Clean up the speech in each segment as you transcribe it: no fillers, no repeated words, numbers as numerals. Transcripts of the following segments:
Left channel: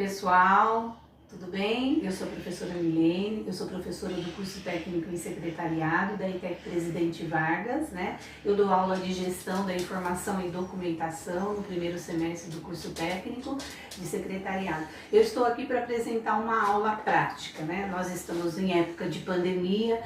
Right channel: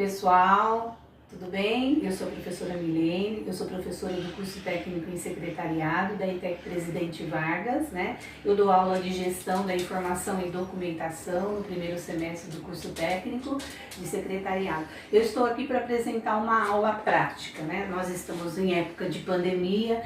Pessoal, tudo bem? Eu sou a professora Milene, eu sou professora do curso técnico em secretariado da ETEC Presidente Vargas, né? Eu dou aula de gestão da informação e documentação no primeiro semestre do curso técnico de secretariado. Eu estou aqui para apresentar uma aula prática, né? Nós estamos em época de pandemia.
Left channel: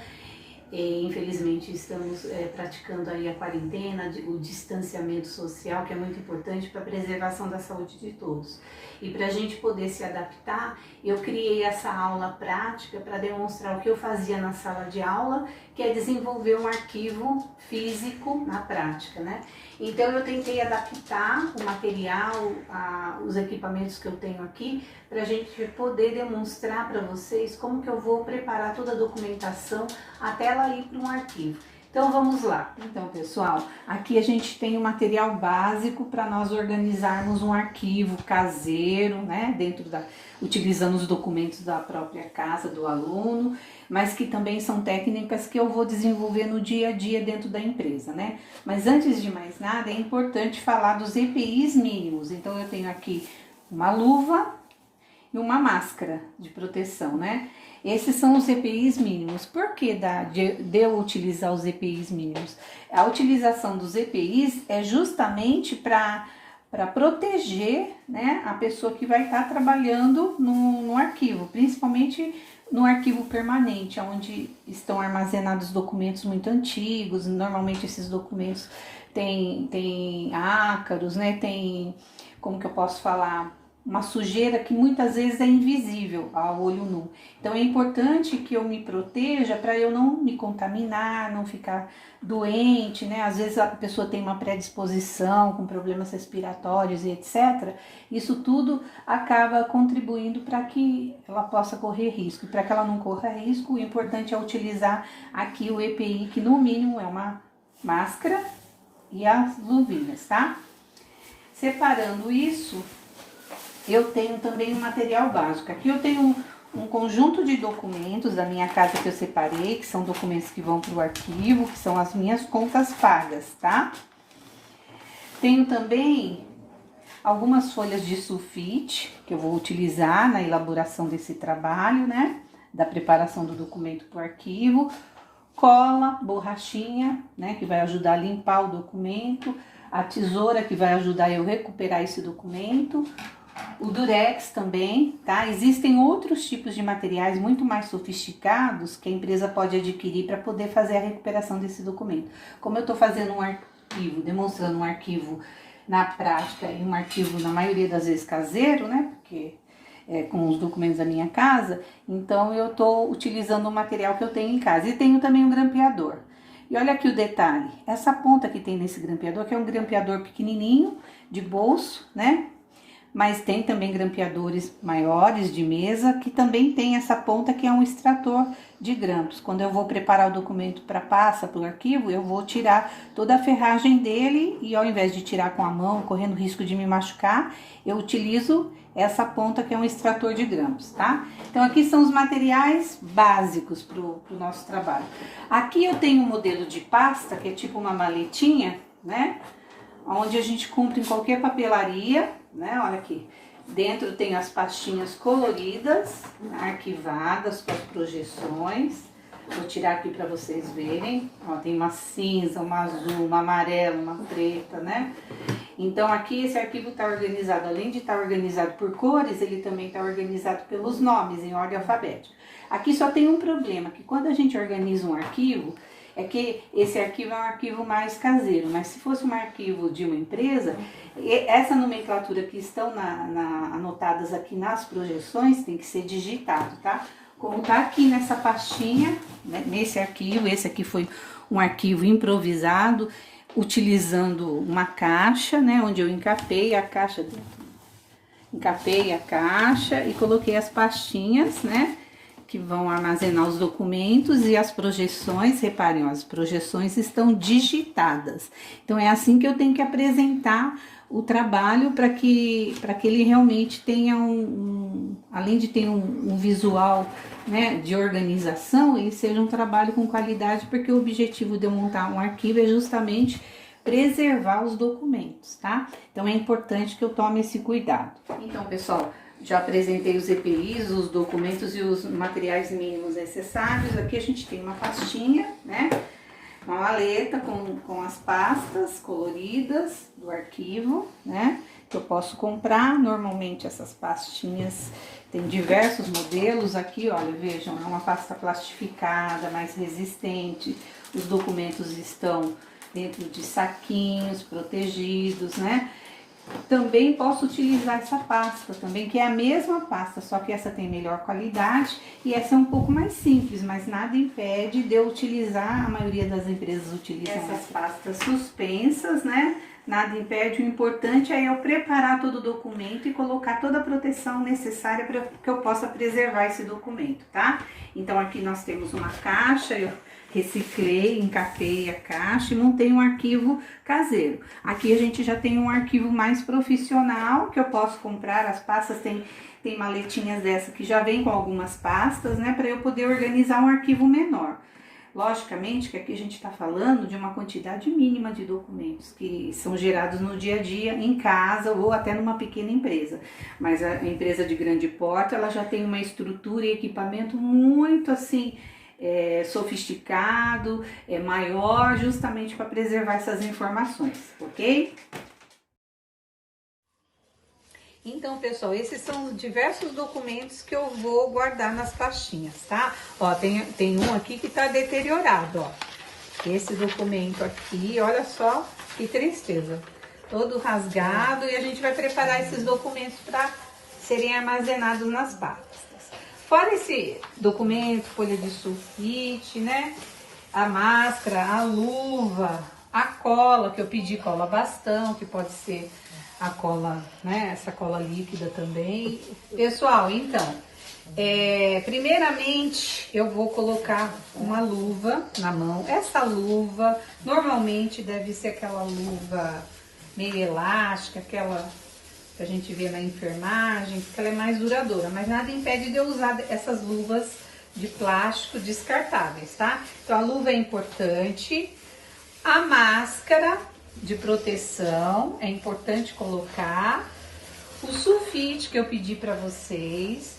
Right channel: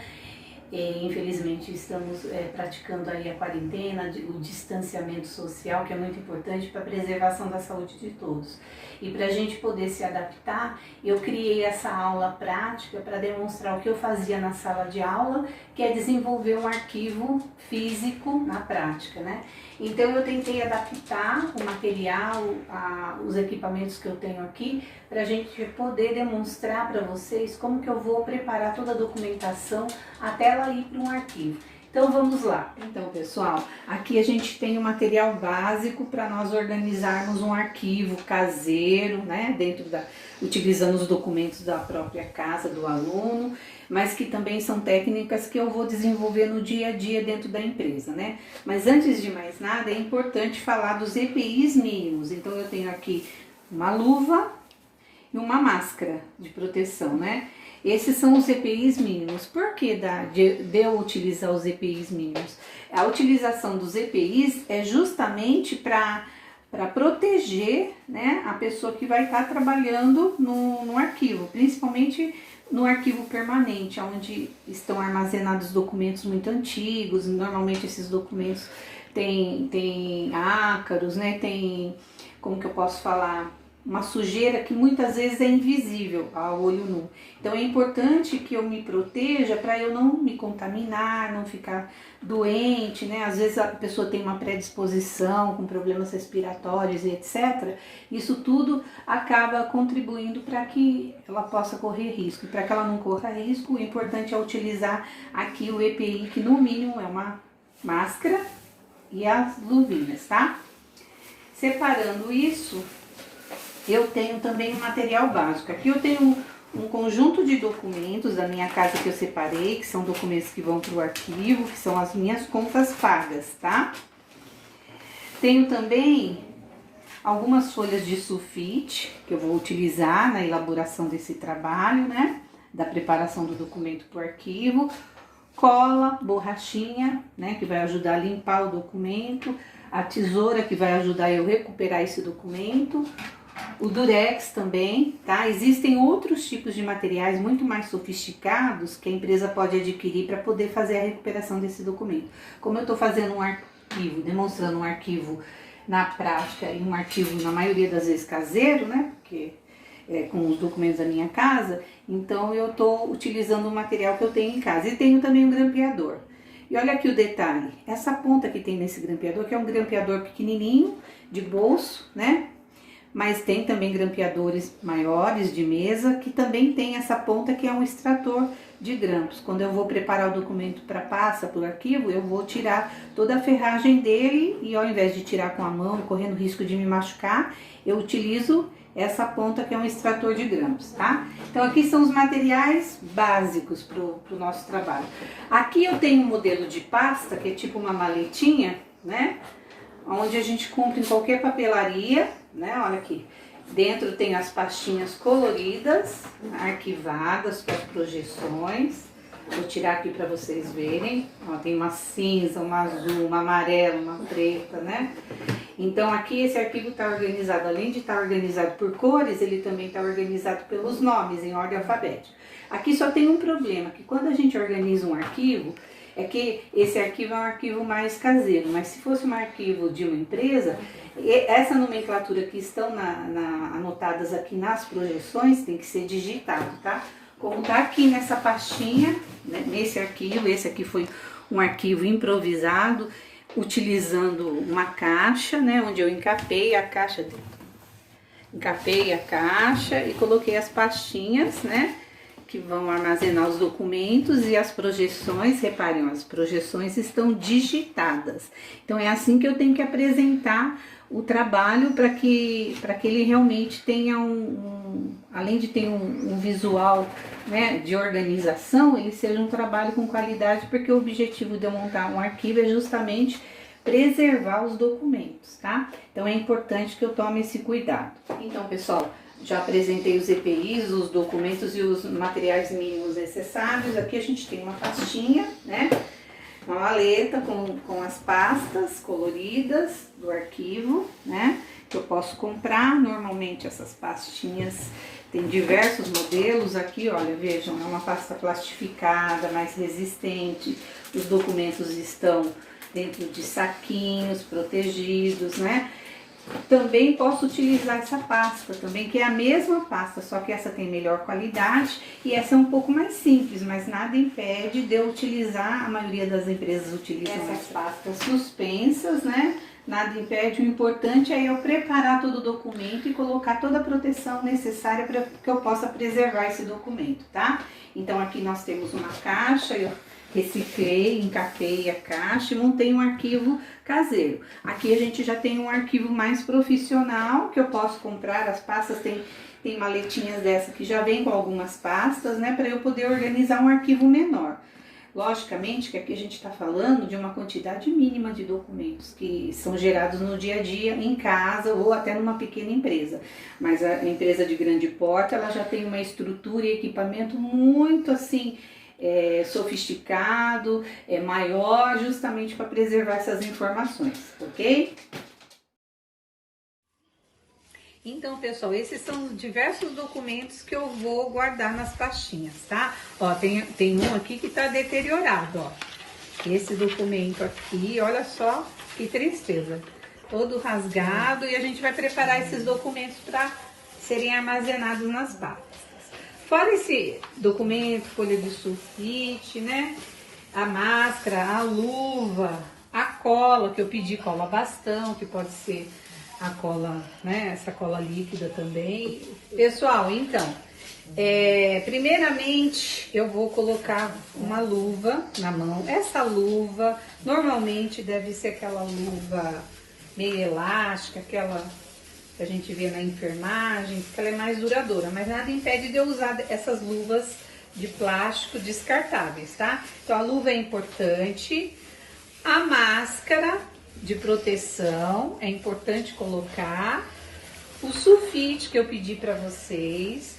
Infelizmente estamos praticando aí a quarentena, o distanciamento social, que é muito importante para a preservação da saúde de todos. E para a gente poder se adaptar, eu criei essa aula prática para demonstrar o que eu fazia na sala de aula, que é desenvolver um arquivo físico na prática, né? Então eu tentei adaptar o material, os equipamentos que eu tenho aqui, para a gente poder demonstrar para vocês como que eu vou preparar toda a documentação até ela ir para um arquivo. Então vamos lá. Então pessoal, aqui a gente tem o material básico para nós organizarmos um arquivo caseiro, né? Utilizando os documentos da própria casa do aluno, mas que também são técnicas que eu vou desenvolver no dia a dia dentro da empresa, né? Mas antes de mais nada, é importante falar dos EPIs mínimos. Então eu tenho aqui uma luva e uma máscara de proteção, né? Esses são os EPIs mínimos. Por que de eu utilizar os EPIs mínimos? A utilização dos EPIs é justamente para proteger, né, a pessoa que vai estar trabalhando no arquivo, principalmente no arquivo permanente, onde estão armazenados documentos muito antigos. Normalmente esses documentos têm ácaros, né, tem, como que eu posso falar, uma sujeira que muitas vezes é invisível ao olho nu. Então é importante que eu me proteja para eu não me contaminar, não ficar doente, né? Às vezes a pessoa tem uma predisposição com problemas respiratórios e etc. Isso tudo acaba contribuindo para que ela possa correr risco. E para que ela não corra risco, o importante é utilizar aqui o EPI, que no mínimo é uma máscara e as luvinhas, tá? Separando isso, eu tenho também um material básico. Aqui eu tenho um conjunto de documentos da minha casa que eu separei, que são documentos que vão para o arquivo, que são as minhas contas pagas, tá? Tenho também algumas folhas de sulfite, que eu vou utilizar na elaboração desse trabalho, né? Da preparação do documento para o arquivo. Cola, borrachinha, né? Que vai ajudar a limpar o documento. A tesoura, que vai ajudar eu a recuperar esse documento. O durex também, tá? Existem outros tipos de materiais muito mais sofisticados que a empresa pode adquirir para poder fazer a recuperação desse documento. Como eu estou fazendo um arquivo, demonstrando um arquivo na prática e um arquivo na maioria das vezes caseiro, né? Porque com os documentos da minha casa, então eu estou utilizando o material que eu tenho em casa. E tenho também um grampeador. E olha aqui o detalhe, essa ponta que tem nesse grampeador, que é um grampeador pequenininho, de bolso, né? Mas tem também grampeadores maiores de mesa, que também tem essa ponta que é um extrator de grampos. Quando eu vou preparar o documento para pasta, para o arquivo, eu vou tirar toda a ferragem dele e ao invés de tirar com a mão, correndo risco de me machucar, eu utilizo essa ponta que é um extrator de grampos, tá? Então aqui são os materiais básicos para o nosso trabalho. Aqui eu tenho um modelo de pasta, que é tipo uma maletinha, né? Onde a gente compra em qualquer papelaria, né? Olha aqui, dentro tem as pastinhas coloridas, arquivadas com as projeções. Vou tirar aqui para vocês verem. Ó, tem uma cinza, uma azul, uma amarela, uma preta, né? Então aqui esse arquivo está organizado, além de estar organizado por cores, ele também está organizado pelos nomes, em ordem alfabética. Aqui só tem um problema, que quando a gente organiza um arquivo, é que esse arquivo é um arquivo mais caseiro, mas se fosse um arquivo de uma empresa, essa nomenclatura que estão anotadas aqui nas projeções tem que ser digitado, tá? Como tá aqui nessa pastinha, né, nesse arquivo, esse aqui foi um arquivo improvisado, utilizando uma caixa, né, onde eu encapei a caixa e coloquei as pastinhas, né, que vão armazenar os documentos e as projeções. Reparem, as projeções estão digitadas. Então é assim que eu tenho que apresentar o trabalho para que ele realmente tenha além de ter um visual, né, de organização, ele seja um trabalho com qualidade, porque o objetivo de eu montar um arquivo é justamente preservar os documentos, tá? Então é importante que eu tome esse cuidado. Então, pessoal, Já apresentei os EPIs, os documentos e os materiais mínimos necessários. Aqui a gente tem uma pastinha, né? Uma maleta com as pastas coloridas do arquivo, né? Que eu posso comprar. Normalmente essas pastinhas tem diversos modelos. Aqui, olha, vejam, é uma pasta plastificada, mais resistente. Os documentos estão dentro de saquinhos protegidos, né? Também posso utilizar essa pasta também, que é a mesma pasta, só que essa tem melhor qualidade e essa é um pouco mais simples, mas nada impede de eu utilizar, a maioria das empresas utilizam essas pastas suspensas, né? Nada impede, o importante é eu preparar todo o documento e colocar toda a proteção necessária para que eu possa preservar esse documento, tá? Então aqui nós temos uma caixa, eu reciclei, encapei a caixa e montei um arquivo caseiro. Aqui a gente já tem um arquivo mais profissional que eu posso comprar. As pastas tem maletinhas dessa que já vem com algumas pastas, né, para eu poder organizar um arquivo menor. Logicamente que aqui a gente está falando de uma quantidade mínima de documentos que são gerados no dia a dia, em casa ou até numa pequena empresa. Mas a empresa de grande porte, ela já tem uma estrutura e equipamento muito assim, sofisticado, maior, justamente para preservar essas informações, ok? Então, pessoal, esses são os diversos documentos que eu vou guardar nas pastinhas, tá? Ó, tem um aqui que tá deteriorado, ó. Esse documento aqui, olha só que tristeza. Todo rasgado, e a gente vai preparar esses documentos para serem armazenados nas pastas. Fora esse documento, folha de sulfite, né? A máscara, a luva, a cola, que eu pedi cola bastão, que pode ser a cola, né? Essa cola líquida também. Pessoal, então, primeiramente eu vou colocar uma luva na mão. Essa luva, normalmente deve ser aquela luva meio elástica, aquela que a gente vê na enfermagem, porque ela é mais duradoura, mas nada impede de eu usar essas luvas de plástico descartáveis, tá? Então a luva é importante, a máscara de proteção é importante colocar, o sulfite que eu pedi para vocês,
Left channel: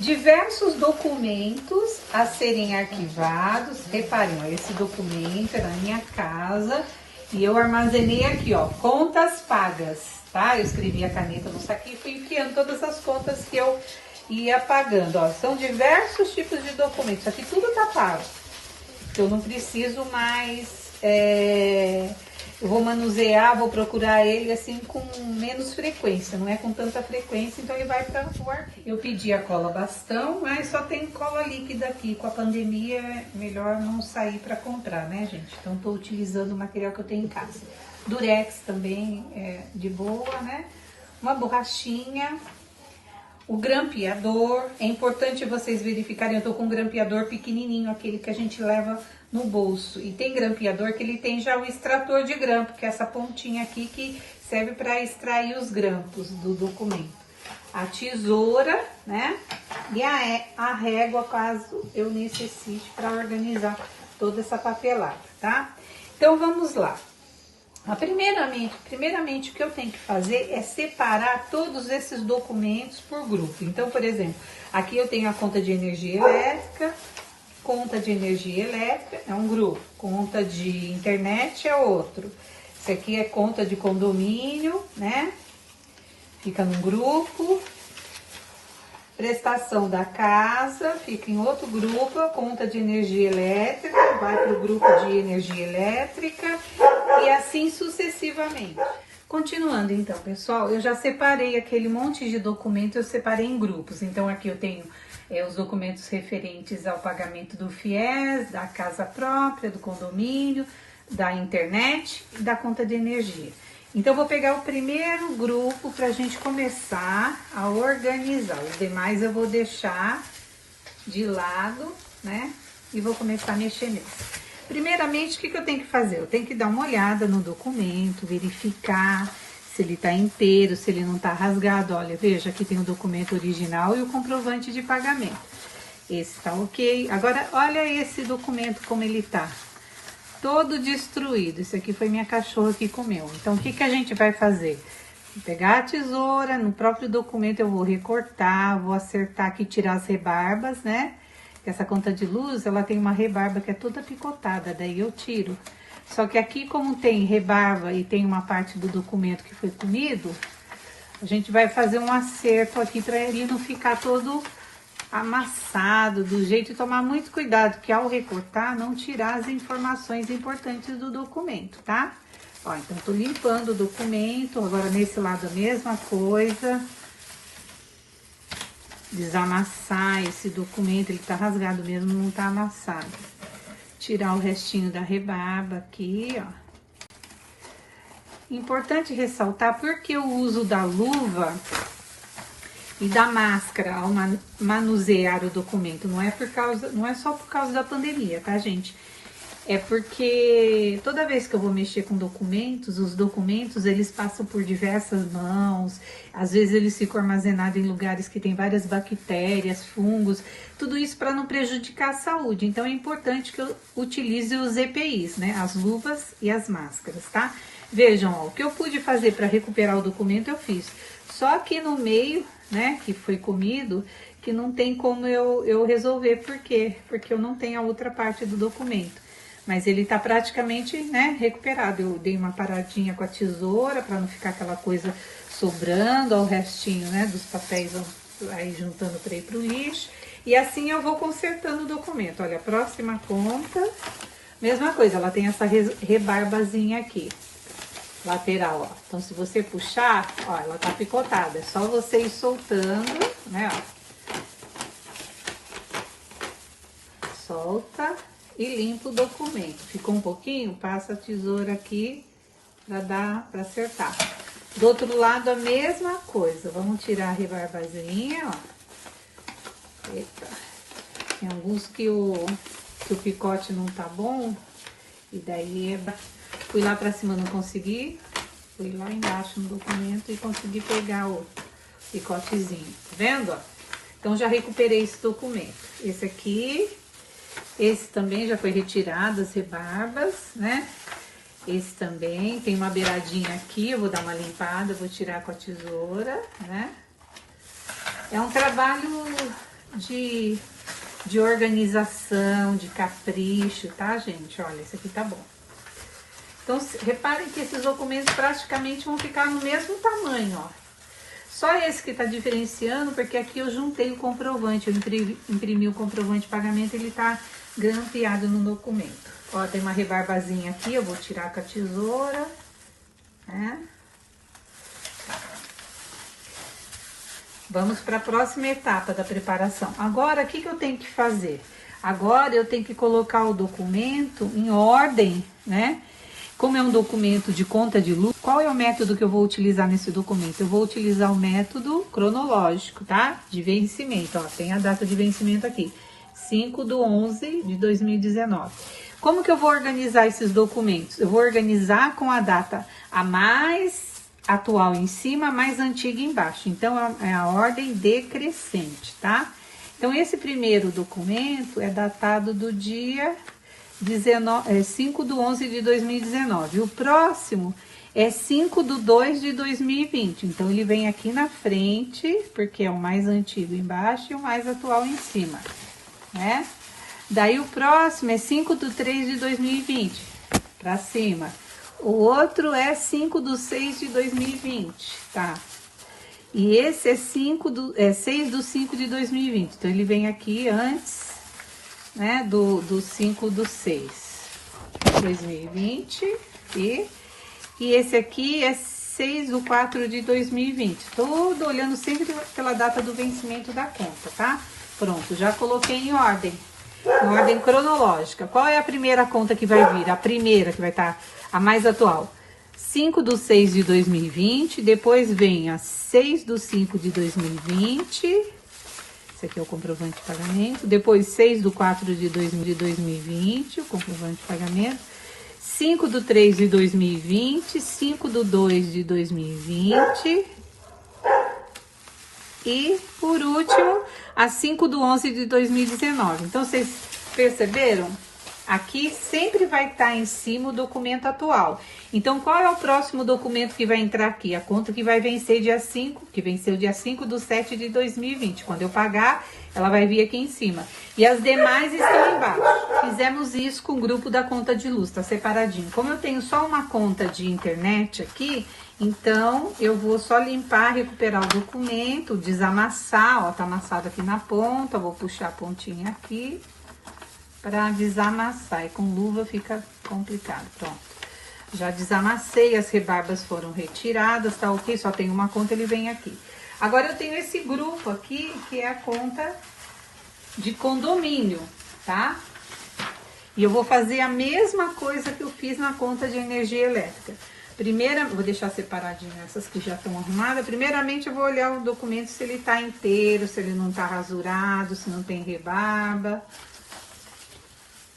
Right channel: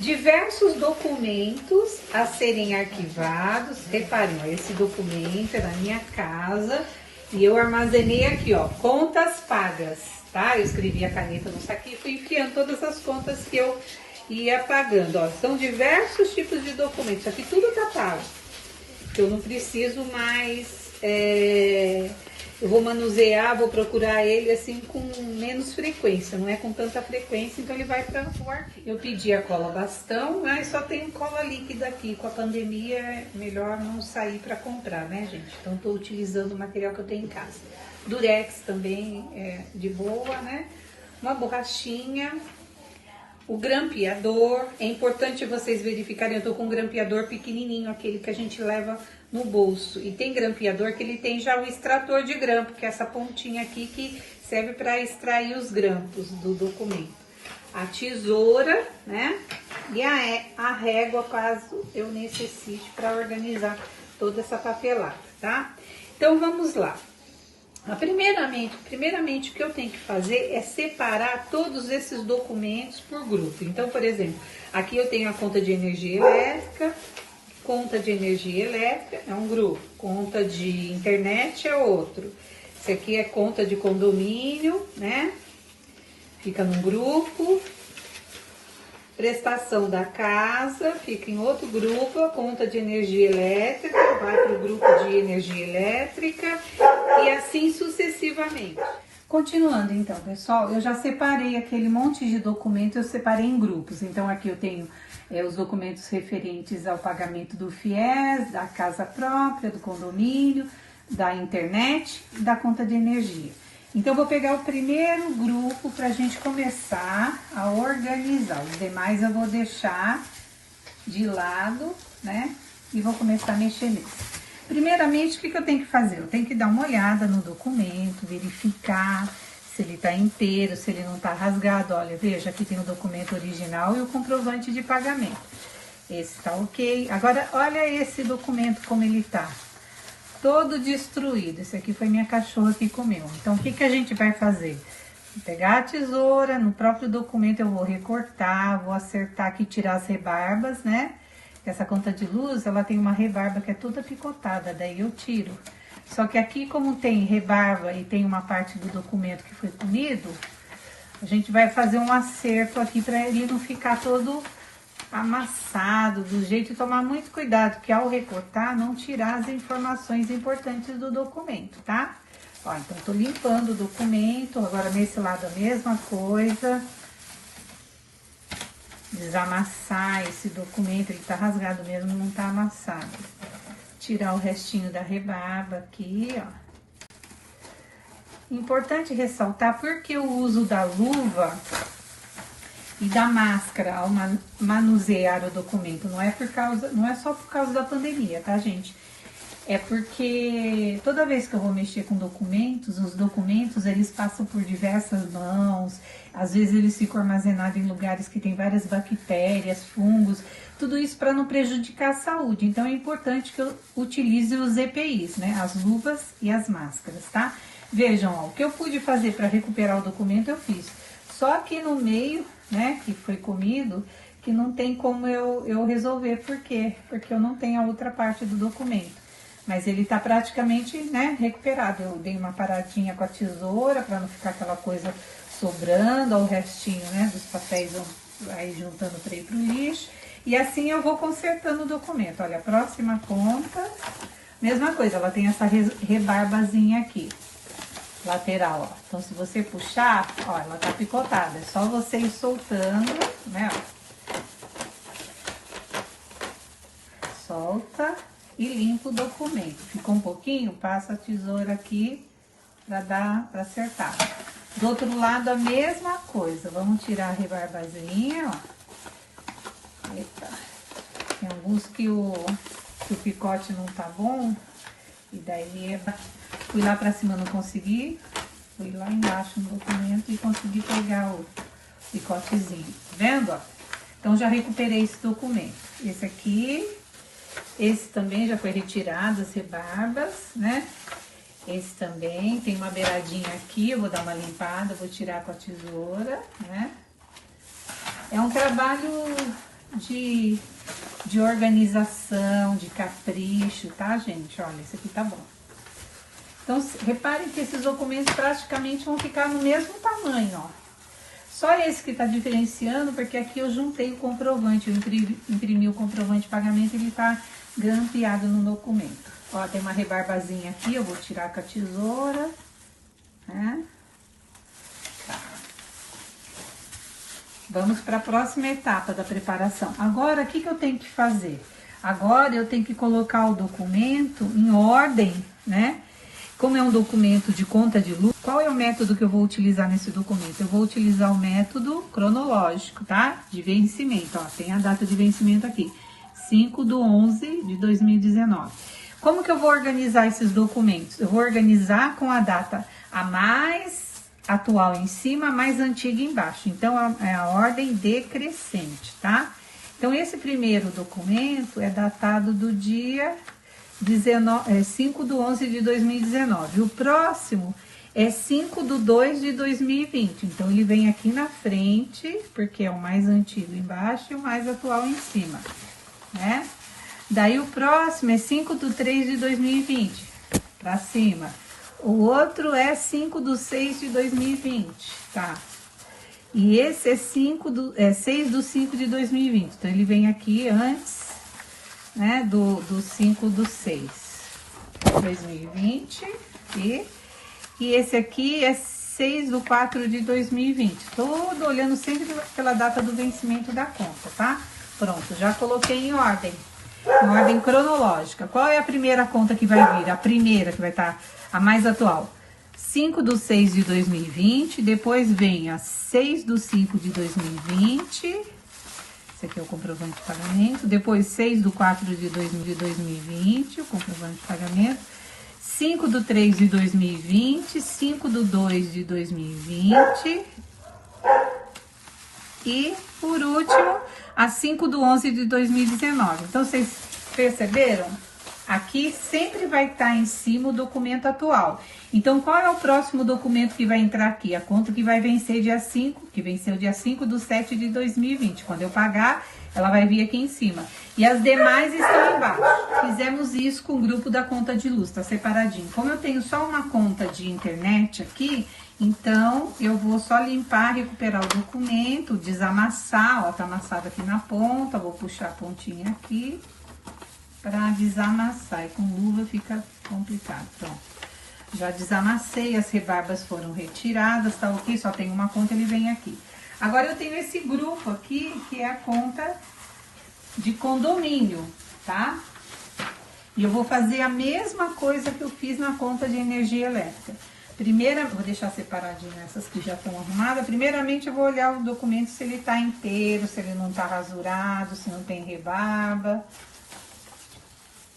diversos documentos a serem arquivados. Reparem, ó, esse documento é da minha casa e eu armazenei aqui, ó, contas pagas. Tá? Eu escrevi a caneta no saquinho e fui enfiando todas as contas que eu ia pagando, ó. São diversos tipos de documentos, aqui tudo tá pago. Eu não preciso mais, eu vou manusear, vou procurar ele assim com menos frequência, não é com tanta frequência, então ele vai para o arquivo. Eu pedi a cola bastão, mas só tem cola líquida aqui, com a pandemia é melhor não sair para comprar, né, gente? Então estou utilizando o material que eu tenho em casa. Durex também é de boa, né? Uma borrachinha, o grampeador. É importante vocês verificarem, eu tô com um grampeador pequenininho, aquele que a gente leva no bolso. E tem grampeador que ele tem já o extrator de grampo, que é essa pontinha aqui que serve para extrair os grampos do documento. A tesoura, né? E a régua, caso eu necessite para organizar toda essa papelada, tá? Então vamos lá. Primeiramente, o que eu tenho que fazer é separar todos esses documentos por grupo. Então, por exemplo, aqui eu tenho a conta de energia elétrica, é um grupo, conta de internet é outro. Esse aqui é conta de condomínio, né? Fica num grupo. Prestação da casa, fica em outro grupo. A conta de energia elétrica vai para o grupo de energia elétrica e assim sucessivamente. Continuando então, pessoal, eu já separei aquele monte de documentos, eu separei em grupos. Então aqui eu tenho os documentos referentes ao pagamento do FIES, da casa própria, do condomínio, da internet e da conta de energia. Então, eu vou pegar o primeiro grupo para a gente começar a organizar. Os demais eu vou deixar de lado, né? E vou começar a mexer nesse. Primeiramente, o que eu tenho que fazer? Eu tenho que dar uma olhada no documento, verificar se ele está inteiro, se ele não está rasgado. Olha, veja, aqui tem o documento original e o comprovante de pagamento. Esse está ok. Agora, olha esse documento como ele está. Todo destruído. Esse aqui foi minha cachorra que comeu. Então, o que a gente vai fazer? Vou pegar a tesoura, no próprio documento eu vou recortar, vou acertar aqui, tirar as rebarbas, né? Essa conta de luz, ela tem uma rebarba que é toda picotada, daí eu tiro. Só que aqui, como tem rebarba e tem uma parte do documento que foi comido, a gente vai fazer um acerto aqui para ele não ficar todo amassado, do jeito de tomar muito cuidado, que ao recortar, não tirar as informações importantes do documento, tá? Ó, então eu tô limpando o documento, agora nesse lado a mesma coisa. Desamassar esse documento, ele tá rasgado mesmo, não tá amassado. Tirar o restinho da rebarba aqui, ó. Importante ressaltar porque o uso da luva e da máscara ao manusear o documento, não é só por causa da pandemia, tá, gente? É porque toda vez que eu vou mexer com documentos, os documentos eles passam por diversas mãos, às vezes eles ficam armazenados em lugares que tem várias bactérias, fungos, tudo isso para não prejudicar a saúde. Então é importante que eu utilize os EPIs, né? As luvas e as máscaras, tá? Vejam, ó, o que eu pude fazer para recuperar o documento eu fiz. Só aqui no meio, né, que foi comido, que não tem como eu resolver. Por quê? Porque eu não tenho a outra parte do documento. Mas ele tá praticamente, né, recuperado. Eu dei uma paradinha com a tesoura para não ficar aquela coisa sobrando, ao restinho, né, dos papéis vão aí juntando para ir pro lixo. E assim eu vou consertando o documento. Olha, a próxima conta, mesma coisa, ela tem essa rebarbazinha aqui, lateral, ó. Então se você puxar, ó, ela tá picotada. É só você ir soltando, né, ó. Solta e limpa o documento. Ficou um pouquinho, passa a tesoura aqui para acertar. Do outro lado a mesma coisa. Vamos tirar a rebarbazinha, ó. Eita. Tem alguns que o picote não tá bom. E daí fui lá para cima, não consegui. Fui lá embaixo no documento e consegui pegar o picotezinho. Tá vendo, ó? Então já recuperei esse documento. Esse aqui. Esse também já foi retirado, as rebarbas, né? Esse também tem uma beiradinha aqui, eu vou dar uma limpada, vou tirar com a tesoura, né? É um trabalho de organização, de capricho, tá, gente? Olha, esse aqui tá bom. Então, reparem que esses documentos praticamente vão ficar no mesmo tamanho, ó. Só esse que tá diferenciando, porque aqui eu juntei o comprovante, eu imprimi o comprovante de pagamento, ele tá grampeado no documento. Ó, tem uma rebarbazinha aqui, eu vou tirar com a tesoura, né? Vamos para a próxima etapa da preparação. Agora, o que eu tenho que fazer? Agora eu tenho que colocar o documento em ordem, né? Como é um documento de conta de luz, qual é o método que eu vou utilizar nesse documento? Eu vou utilizar o método cronológico, tá? De vencimento, ó, tem a data de vencimento aqui, 5/11/2019. Como que eu vou organizar esses documentos? Eu vou organizar com a data a mais atual em cima, a mais antiga embaixo. Então, é a ordem decrescente, tá? Então, esse primeiro documento é datado do dia 5/11/2019. O próximo é 5/2/2020. Então, ele vem aqui na frente, porque é o mais antigo embaixo e o mais atual em cima, né? Daí, o próximo é 5/3/2020, pra cima. O outro é 5/6/2020, tá? E esse é 6/5/2020. Então, ele vem aqui antes, né, do 5/6/2020 e esse aqui é 6/4/2020. Todo olhando sempre pela data do vencimento da conta, tá? Pronto, já coloquei em ordem cronológica. Qual é a primeira conta que vai vir? A primeira que vai estar a mais atual. 5/6/2020, depois vem a 6/5/2020. Esse aqui é o comprovante de pagamento. Depois, 6/4/2020, o comprovante de pagamento. 5/3/2020, 5/2/2020. E, por último, a 5/11/2019. Então, vocês perceberam? aqui sempre vai estar em cima o documento atual. Então, qual é o próximo documento que vai entrar aqui? A conta que vai vencer dia 5, que venceu dia 5/7/2020. Quando eu pagar, ela vai vir aqui em cima. E as demais estão embaixo. Fizemos isso com o grupo da conta de luz, tá separadinho. Como eu tenho só uma conta de internet aqui, então eu vou só limpar, recuperar o documento, desamassar, ó, tá amassado aqui na ponta, vou puxar a pontinha aqui para desamassar. E com luva fica complicado. Pronto. Já desamassei, as rebarbas foram retiradas, tá ok? Só tem uma conta, ele vem aqui. Agora eu tenho esse grupo aqui, que é a conta de condomínio, tá? E eu vou fazer a mesma coisa que eu fiz na conta de energia elétrica. Primeira, vou deixar separadinho essas que já estão arrumadas. Primeiramente eu vou olhar o documento se ele tá inteiro, se ele não tá rasurado, se não tem rebarba.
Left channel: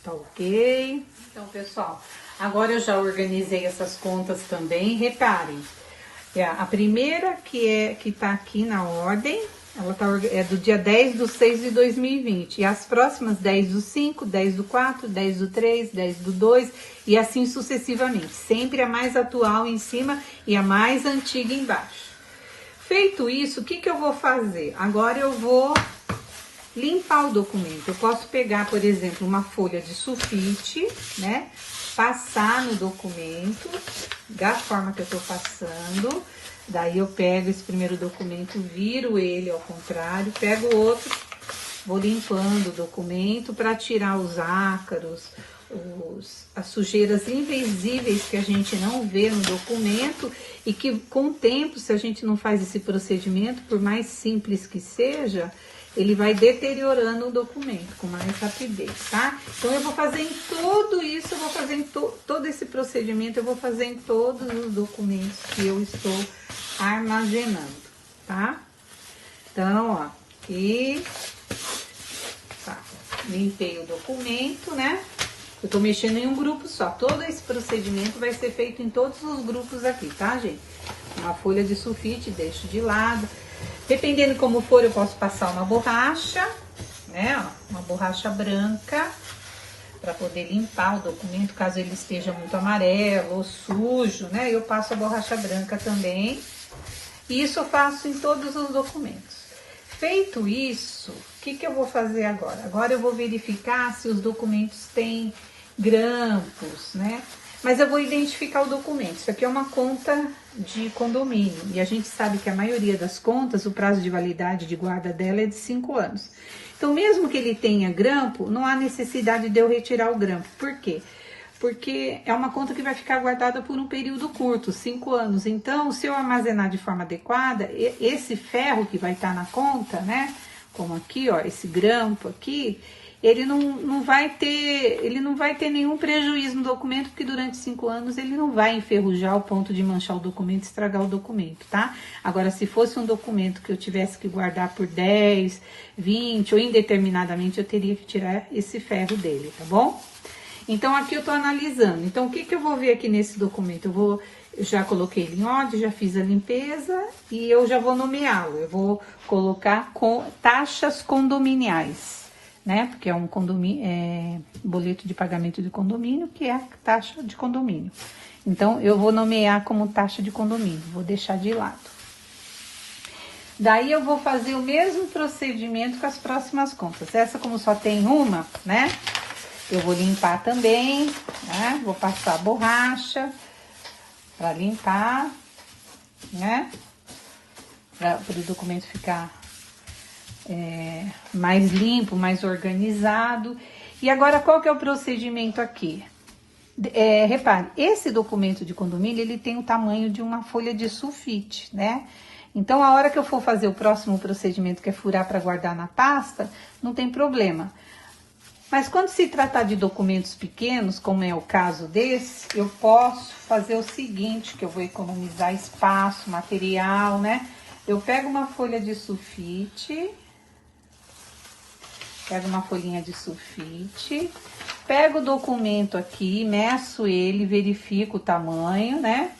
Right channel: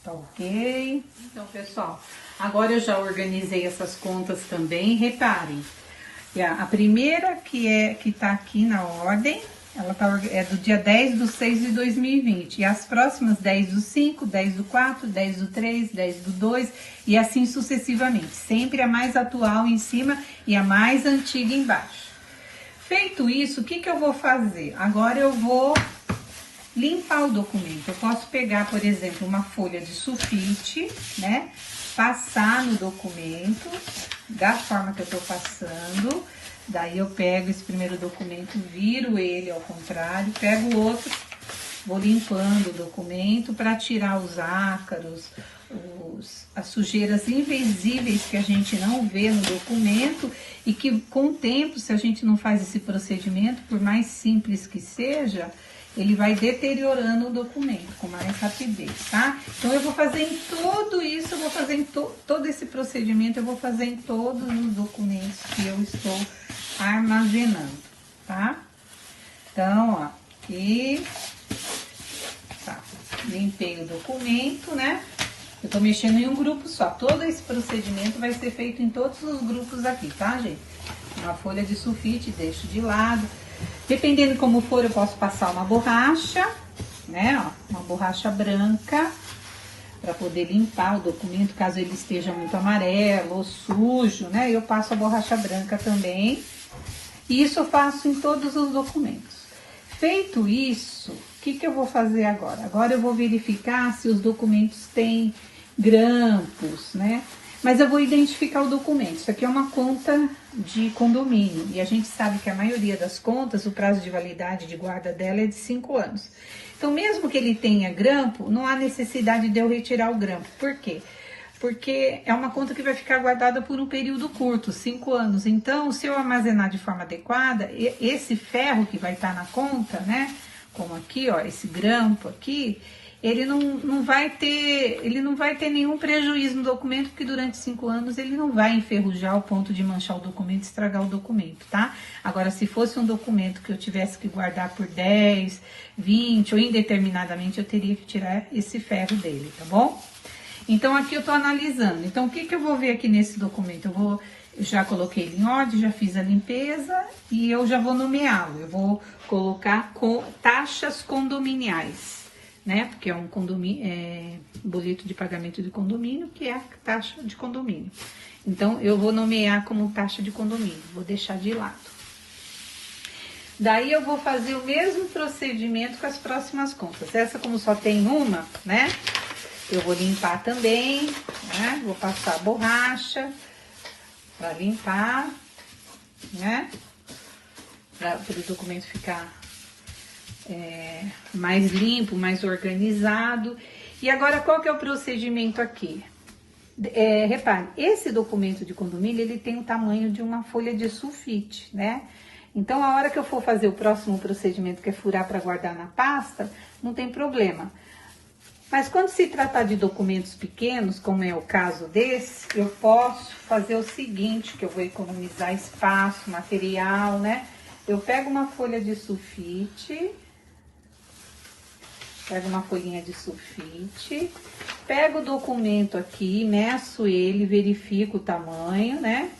Tá ok? Então, pessoal, agora eu já organizei essas contas também. Reparem, a primeira que tá aqui na ordem, ela é do dia 10/6/2020. E as próximas 10/5, 10/4, 10/3, 10/2 e assim sucessivamente. Sempre a mais atual em cima e a mais antiga embaixo. Feito isso, o que eu vou fazer? Agora eu vou limpar o documento. Eu posso pegar, por exemplo, uma folha de sulfite, né? Passar no documento da forma que eu tô passando. Daí eu pego esse primeiro documento, viro ele ao contrário, pego o outro, vou limpando o documento para tirar os ácaros, as sujeiras invisíveis que a gente não vê no documento e que com o tempo, se a gente não faz esse procedimento, por mais simples que seja, ele vai deteriorando o documento com mais rapidez, tá? Então, eu vou fazer em tudo isso, eu vou fazer em todo esse procedimento, eu vou fazer em todos os documentos que eu estou armazenando, tá? Então, ó, aqui, tá, limpei o documento, né? Eu tô mexendo em um grupo só. Todo esse procedimento vai ser feito em todos os grupos aqui, tá, gente? A folha de sulfite deixo de lado. Dependendo como for, eu posso passar uma borracha, né? Ó, uma borracha branca, para poder limpar o documento, caso ele esteja muito amarelo ou sujo, né? Eu passo a borracha branca também. E isso eu faço em todos os documentos. Feito isso, o que eu vou fazer agora? Agora eu vou verificar se os documentos têm grampos, né? Mas eu vou identificar o documento. Isso aqui é uma conta de condomínio. E a gente sabe que a maioria das contas, o prazo de validade de guarda dela é de 5 anos. Então, mesmo que ele tenha grampo, não há necessidade de eu retirar o grampo. Por quê? Porque é uma conta que vai ficar guardada por um período curto, 5 anos. Então, se eu armazenar de forma adequada, esse ferro que vai estar na conta, né? Como aqui, ó, esse grampo aqui, ele não vai ter nenhum prejuízo no documento, porque durante 5 anos ele não vai enferrujar ao ponto de manchar o documento, estragar o documento, tá? Agora, se fosse um documento que eu tivesse que guardar por 10, 20 ou indeterminadamente, eu teria que tirar esse ferro dele, tá bom? Então, aqui eu tô analisando. Então, o que eu vou ver aqui nesse documento? Eu já coloquei ele em ordem, já fiz a limpeza e eu já vou nomeá-lo. Eu vou colocar com taxas condominiais, né? Porque é um condomínio, boleto de pagamento de condomínio, que é a taxa de condomínio. Então, eu vou nomear como taxa de condomínio, vou deixar de lado. Daí, eu vou fazer o mesmo procedimento com as próximas contas. Essa, como só tem uma, né? Eu vou limpar também, né? Vou passar a borracha para limpar, né? Para o documento ficar mais limpo, mais organizado. E agora, qual que é o procedimento aqui? Repare, esse documento de condomínio, ele tem o tamanho de uma folha de sulfite, né? Então, a hora que eu for fazer o próximo procedimento, que é furar para guardar na pasta, não tem problema. Mas quando se tratar de documentos pequenos, como é o caso desse, eu posso fazer o seguinte, que eu vou economizar espaço, material, né? Eu pego uma folha de sulfite, pego uma folhinha de sulfite, pego o documento aqui, meço ele, verifico o tamanho, né?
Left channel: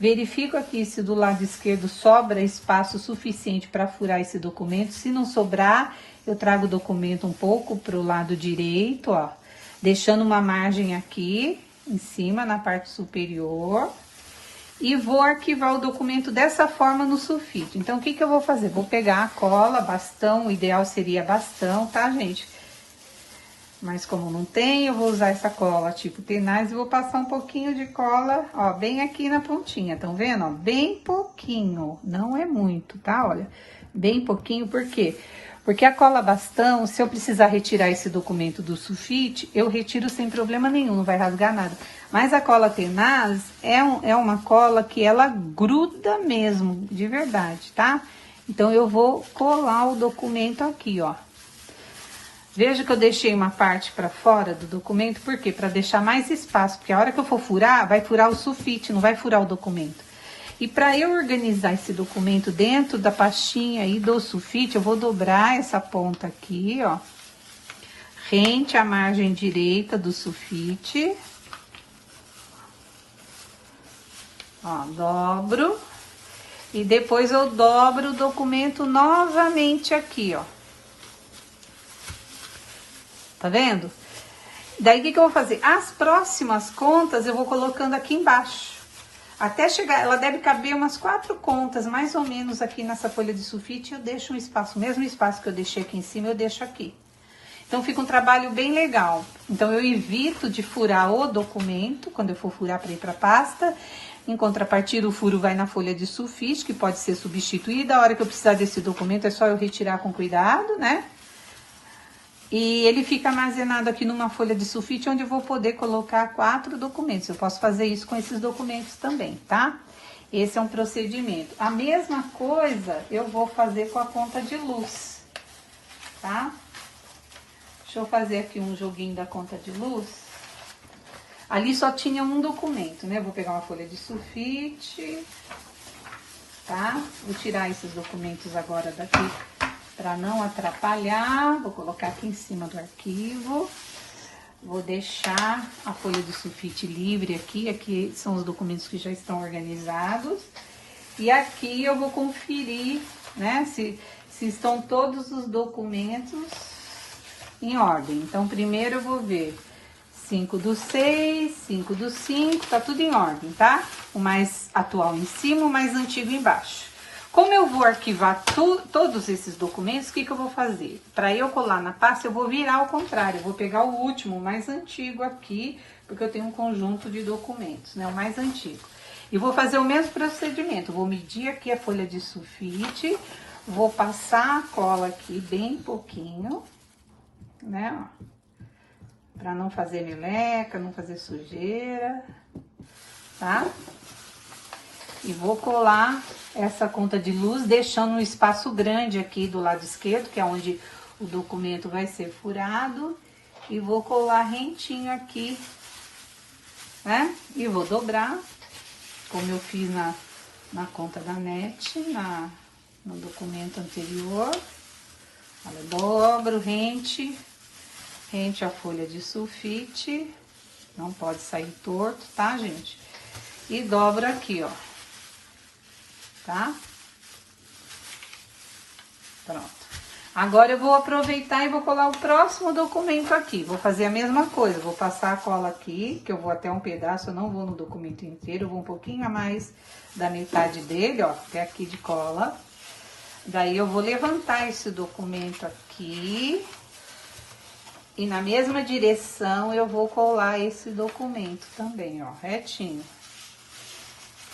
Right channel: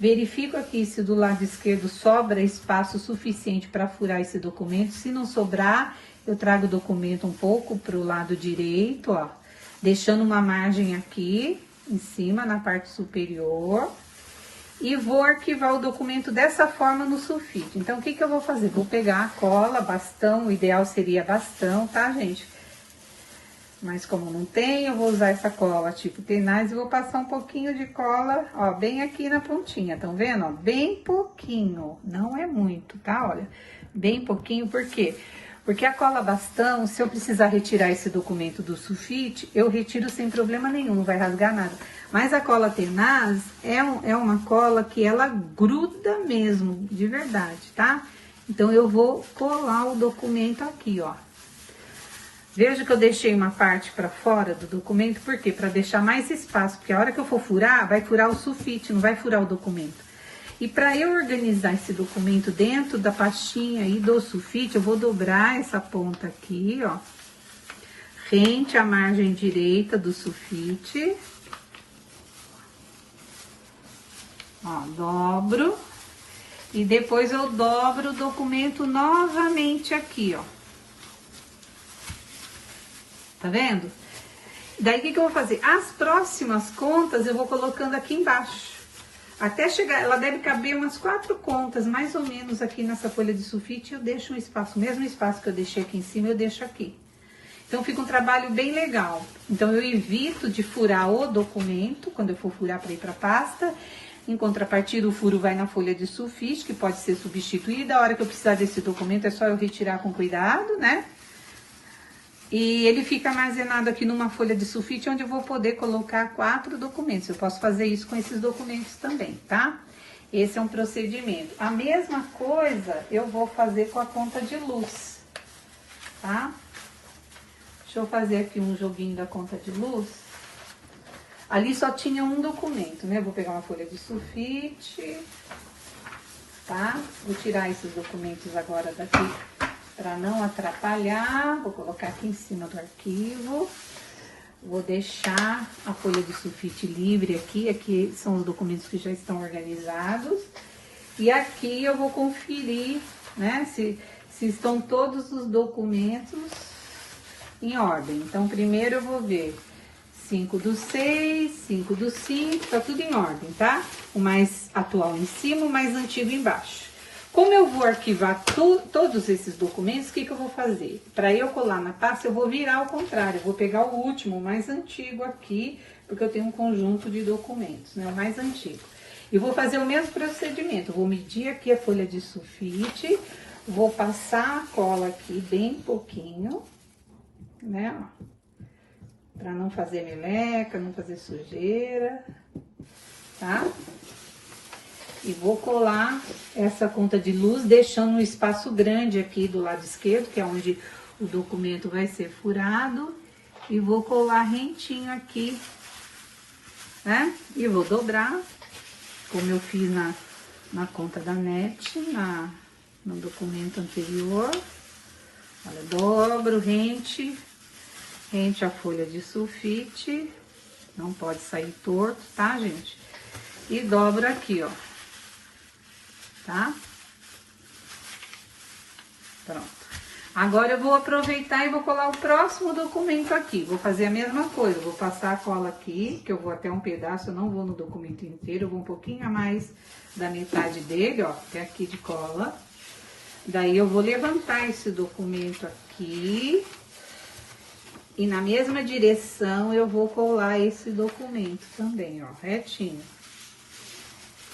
Verifico aqui se do lado esquerdo sobra espaço suficiente para furar esse documento. Se não sobrar, eu trago o documento um pouco para o lado direito, ó. deixando uma margem aqui em cima, na parte superior. E vou arquivar o documento dessa forma no sulfite. Então, o que eu vou fazer? Vou pegar a cola, bastão, o ideal seria bastão, tá, gente? Mas como não tem, eu vou usar essa cola tipo tenaz e vou passar um pouquinho de cola, ó, bem aqui na pontinha, estão vendo? Ó, bem pouquinho, não é muito, tá? Olha, bem pouquinho, por quê? Porque a cola bastão, se eu precisar retirar esse documento do sulfite, eu retiro sem problema nenhum, não vai rasgar nada. Mas a cola tenaz é uma cola que ela gruda mesmo, de verdade, tá? Então, eu vou colar o documento aqui, ó. Veja que eu deixei uma parte para fora do documento, por quê? Para deixar mais espaço, porque a hora que eu for furar, vai furar o sulfite, não vai furar o documento. E para eu organizar esse documento dentro da pastinha aí do sulfite, eu vou dobrar essa ponta aqui, ó, rente à margem direita do sulfite. Ó, dobro. E depois eu dobro o documento novamente aqui, ó. Tá vendo? Daí, o que eu vou fazer? As próximas contas eu vou colocando aqui embaixo. Até chegar, ela deve caber umas 4 contas, mais ou menos, aqui nessa folha de sulfite. Eu deixo um espaço, o mesmo espaço que eu deixei aqui em cima, eu deixo aqui. Então, fica um trabalho bem legal. Então, eu evito de furar o documento, quando eu for furar para ir para pasta. Em contrapartida, o furo vai na folha de sulfite, que pode ser substituída. A hora que eu precisar desse documento, é só eu retirar com cuidado, né? E ele fica armazenado aqui numa folha de sulfite, onde eu vou poder colocar 4 documentos. Eu posso fazer isso com esses documentos também, tá? Esse é um procedimento. A mesma coisa eu vou fazer com a conta de luz, tá? Deixa eu fazer aqui um joguinho da conta de luz. Ali só tinha um documento, né? Eu vou pegar uma folha de sulfite, tá? Vou tirar esses documentos agora daqui, para não atrapalhar. Vou colocar aqui em cima do arquivo. Vou deixar a folha de sulfite livre aqui. Aqui são os documentos que já estão organizados. E aqui eu vou conferir, né, se estão todos os documentos em ordem. Então, primeiro eu vou ver 5/6, 5/5, tá tudo em ordem, tá? O mais atual em cima, o mais antigo embaixo. Como eu vou arquivar todos esses documentos, o que eu vou fazer? Para eu colar na pasta, eu vou virar ao contrário. Eu vou pegar o último, o mais antigo aqui, porque eu tenho um conjunto de documentos, né? O mais antigo. E vou fazer o mesmo procedimento. Eu vou medir aqui a folha de sulfite, vou passar a cola aqui bem pouquinho, né? Para não fazer meleca, não fazer sujeira, tá? E vou colar essa conta de luz, deixando um espaço grande aqui do lado esquerdo, que é onde o documento vai ser furado. E vou colar rentinho aqui, né? E vou dobrar, como eu fiz na conta da NET, no documento anterior. Olha, dobro, rente a folha de sulfite, não pode sair torto, tá, gente? E dobro aqui, ó. Tá? Pronto. Agora eu vou aproveitar e vou colar o próximo documento aqui. Vou fazer a mesma coisa, vou passar a cola aqui, que eu vou até um pedaço, eu não vou no documento inteiro, eu vou um pouquinho a mais da metade dele, ó, até aqui de cola. Daí eu vou levantar esse documento aqui e na mesma direção eu vou colar esse documento também, ó, retinho.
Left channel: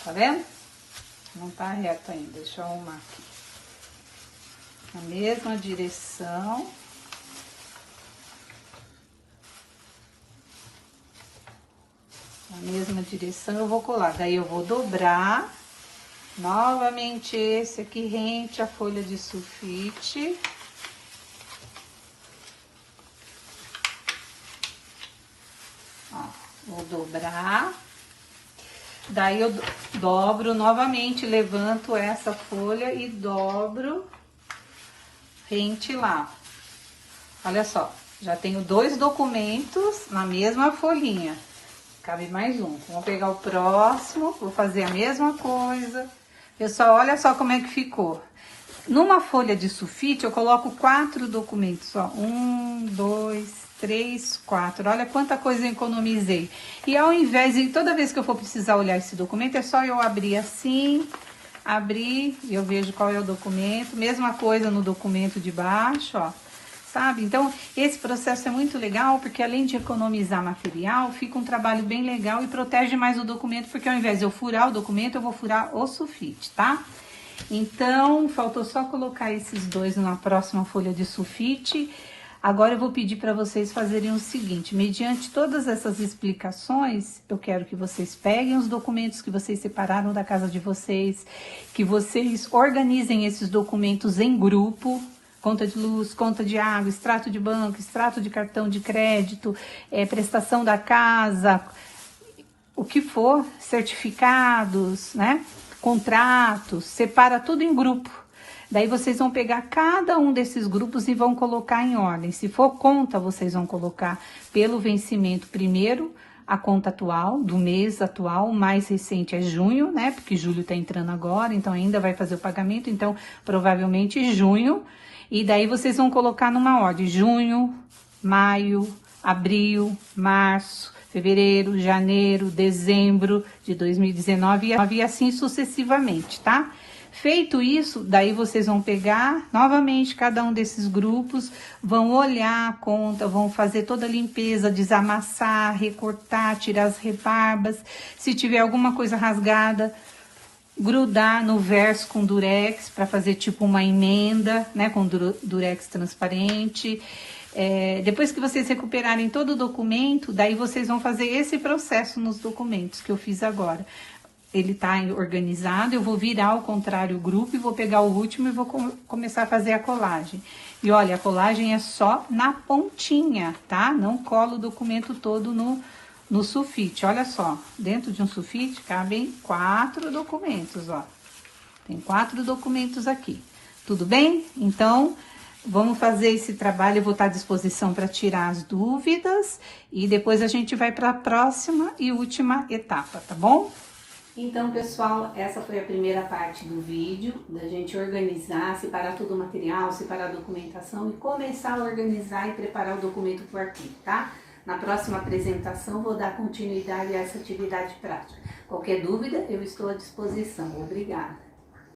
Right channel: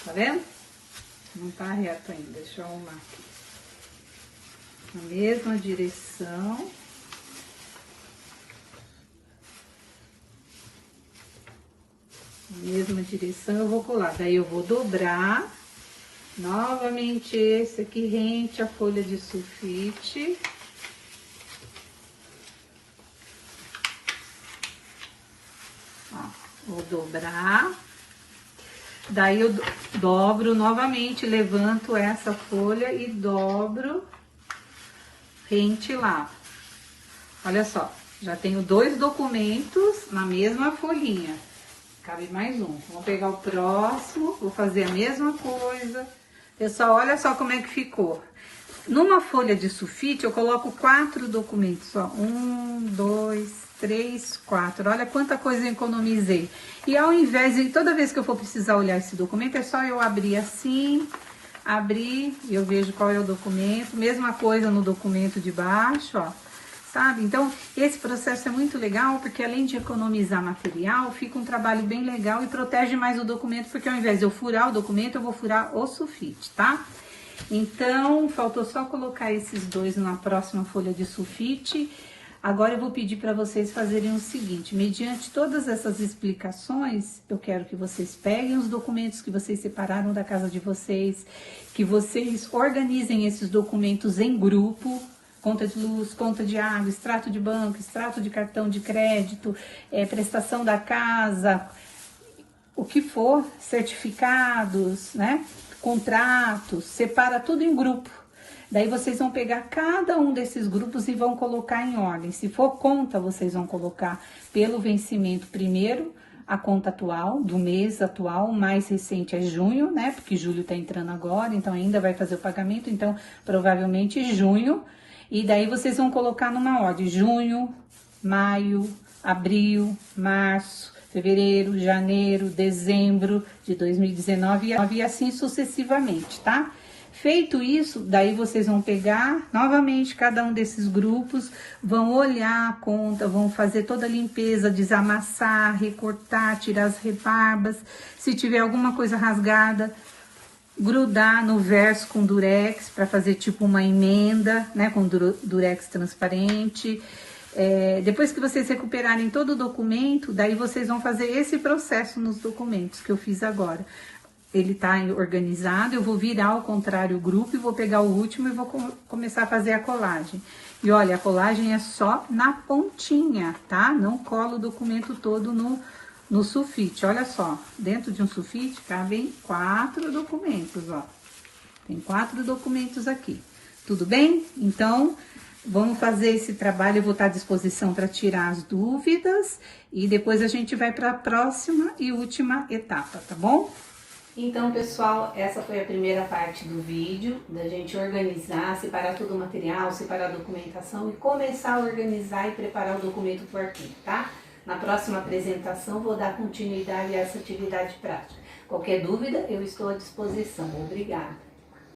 Tá vendo? Não tá reto ainda, deixa eu arrumar aqui. Na mesma direção. Na mesma direção eu vou colar. Daí eu vou dobrar. Novamente esse aqui rente a folha de sulfite. Ó, vou dobrar. Daí eu dobro novamente, levanto essa folha e dobro rente lá. Olha só, já tenho 2 documentos na mesma folhinha. Cabe mais um. Vamos pegar o próximo, vou fazer a mesma coisa. Pessoal, olha só como é que ficou. Numa folha de sulfite, eu coloco 4 documentos, ó. 1, 2, 3, 4. Olha quanta coisa eu economizei. E ao invés de, toda vez que eu for precisar olhar esse documento, é só eu abrir assim, abrir, e eu vejo qual é o documento. Mesma coisa no documento de baixo, ó. Sabe? Então, esse processo é muito legal, porque além de economizar material, fica um trabalho bem legal e protege mais o documento, porque ao invés de eu furar o documento, eu vou furar o sulfite, tá? Então, faltou só colocar esses dois na próxima folha de sulfite. Agora eu vou pedir para vocês fazerem o seguinte, mediante todas essas explicações, eu quero que vocês peguem os documentos que vocês separaram da casa de vocês, que vocês organizem esses documentos em grupo, conta de luz, conta de água, extrato de banco, extrato de cartão de crédito, prestação da casa, o que for, certificados, né? Contratos, separa tudo em grupo. Daí vocês vão pegar cada um desses grupos e vão colocar em ordem. Se for conta, vocês vão colocar pelo vencimento primeiro, a conta atual, do mês atual, o mais recente é junho, né? Porque julho tá entrando agora, então ainda vai fazer o pagamento, então provavelmente junho. E daí vocês vão colocar numa ordem, junho, maio, abril, março, fevereiro, janeiro, dezembro de 2019 e assim sucessivamente, tá? Feito isso, daí vocês vão pegar novamente cada um desses grupos, vão olhar a conta, vão fazer toda a limpeza, desamassar, recortar, tirar as rebarbas. Se tiver alguma coisa rasgada, grudar no verso com durex para fazer tipo uma emenda, né, com durex transparente. Depois que vocês recuperarem todo o documento, daí vocês vão fazer esse processo nos documentos que eu fiz agora. Ele tá organizado, eu vou virar ao contrário o grupo e vou pegar o último e vou começar a fazer a colagem. E olha, a colagem é só na pontinha, tá? Não cola o documento todo no sulfite. Olha só, dentro de um sulfite cabem 4 documentos, ó. Tem 4 documentos aqui. Tudo bem? Então, vamos fazer esse trabalho, eu vou estar à disposição para tirar as dúvidas e depois a gente vai para a próxima e última etapa, tá bom? Então, pessoal, essa foi a primeira parte do vídeo, da gente organizar, separar todo o material, separar a documentação e começar a organizar e preparar o documento para o arquivo, tá? Na próxima apresentação, vou dar continuidade a essa atividade prática. Qualquer dúvida, eu estou à disposição. Obrigada!